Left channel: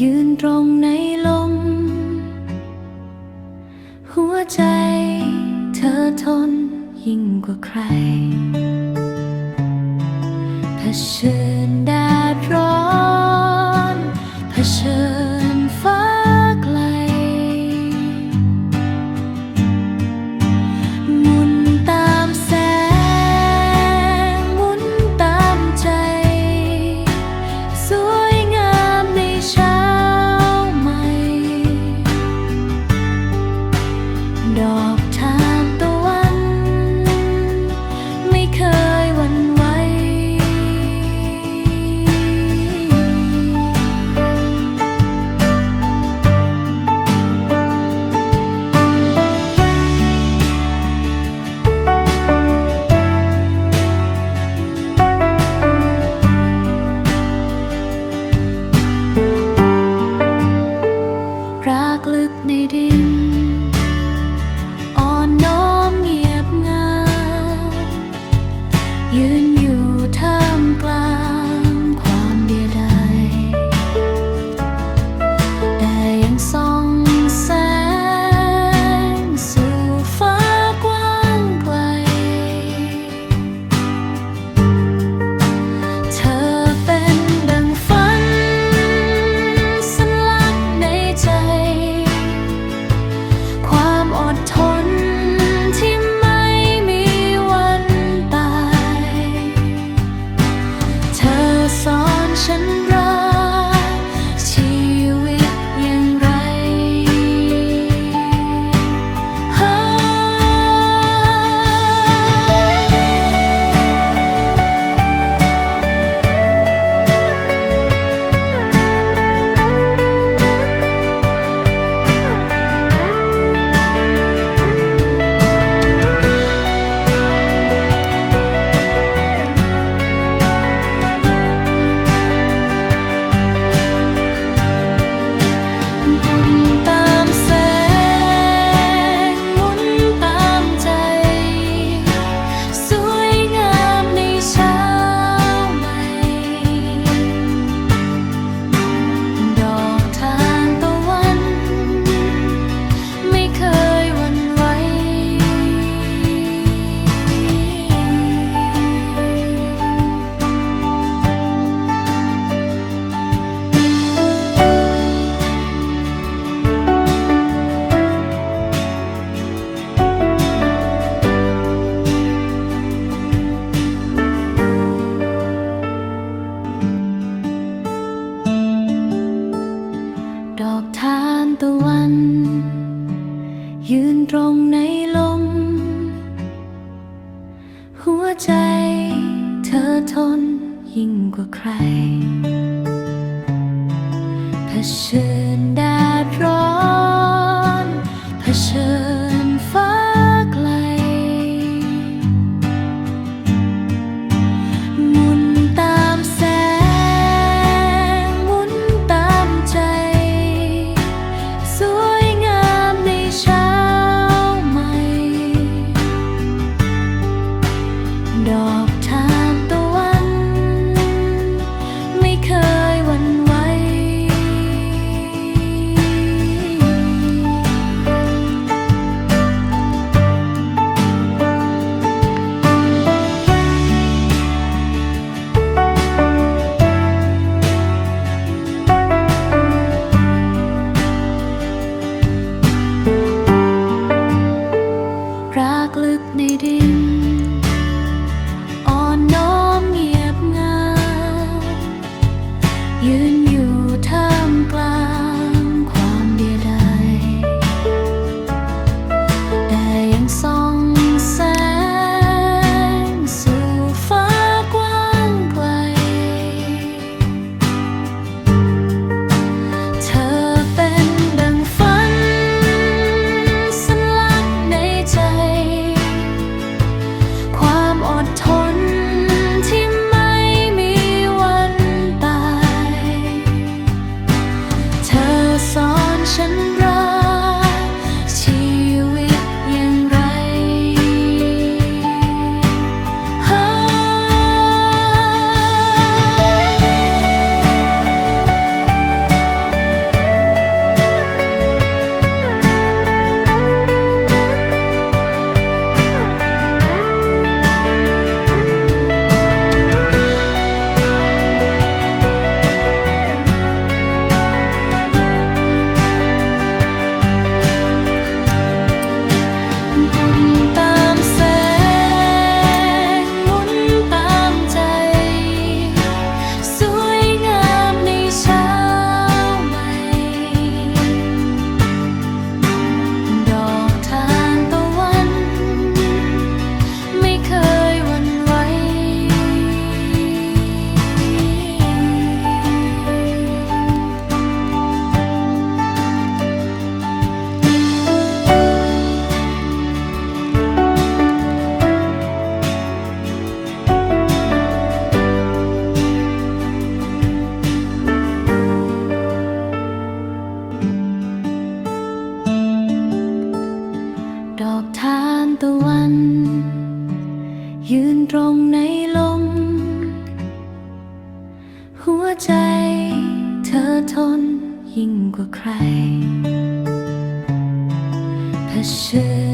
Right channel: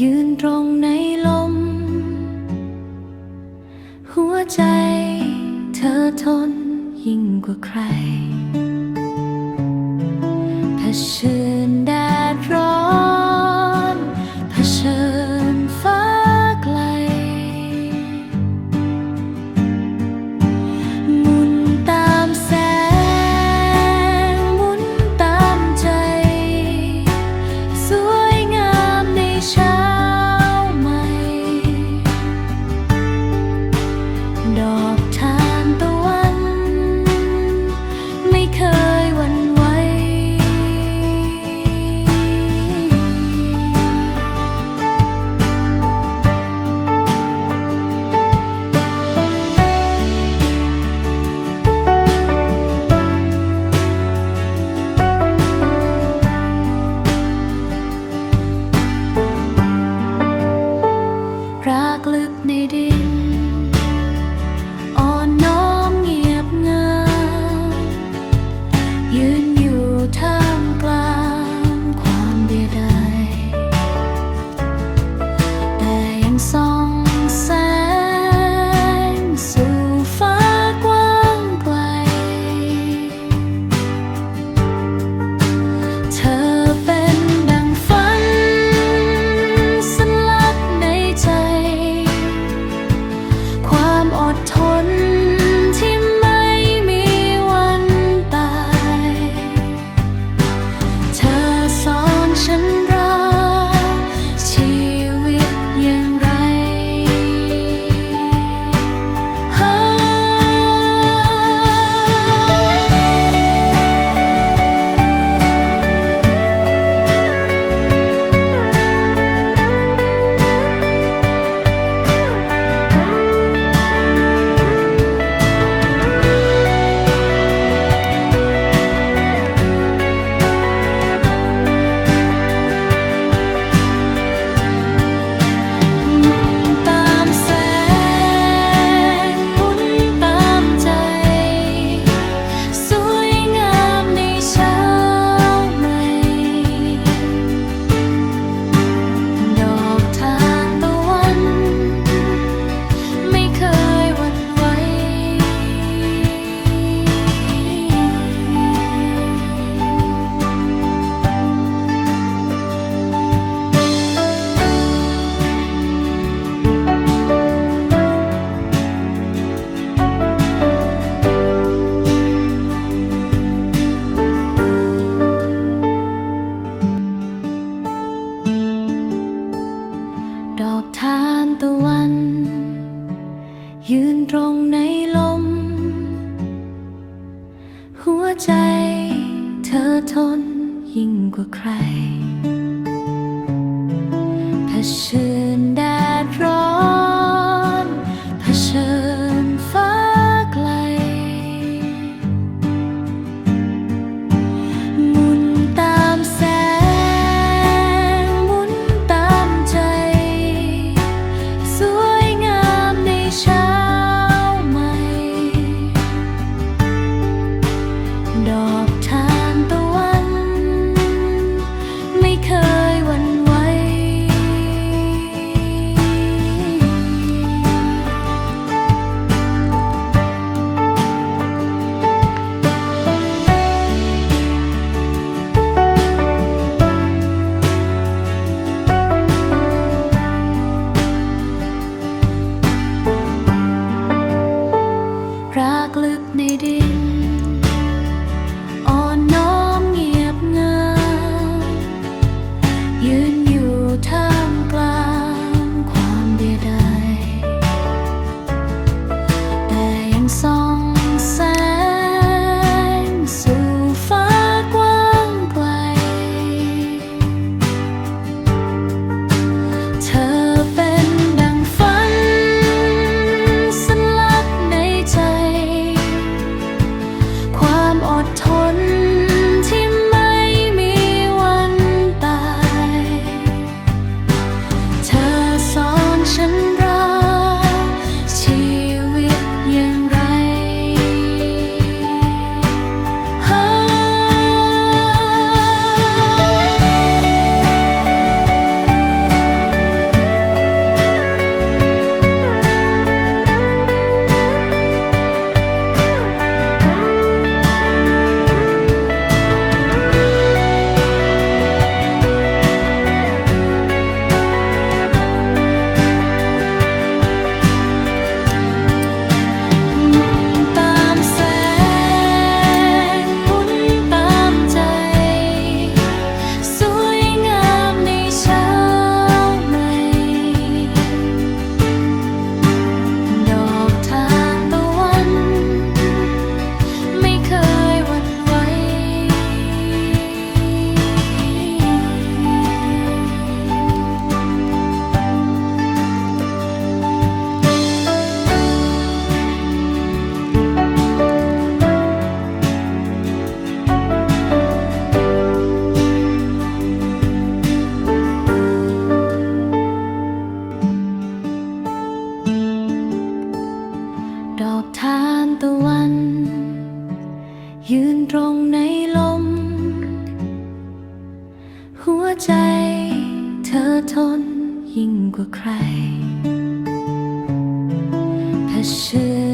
ยืนตรงในลม หัวใจเธอทนยิ่งกว่าใครถ้าเชิญได้ waiting อดทน ใจ เธอทนยิ่งกว่าใครเผชิญได้ ตะวัน ยืนตรงในลม หัวใจเธอทนยิ่งกว่าใครเผชิญ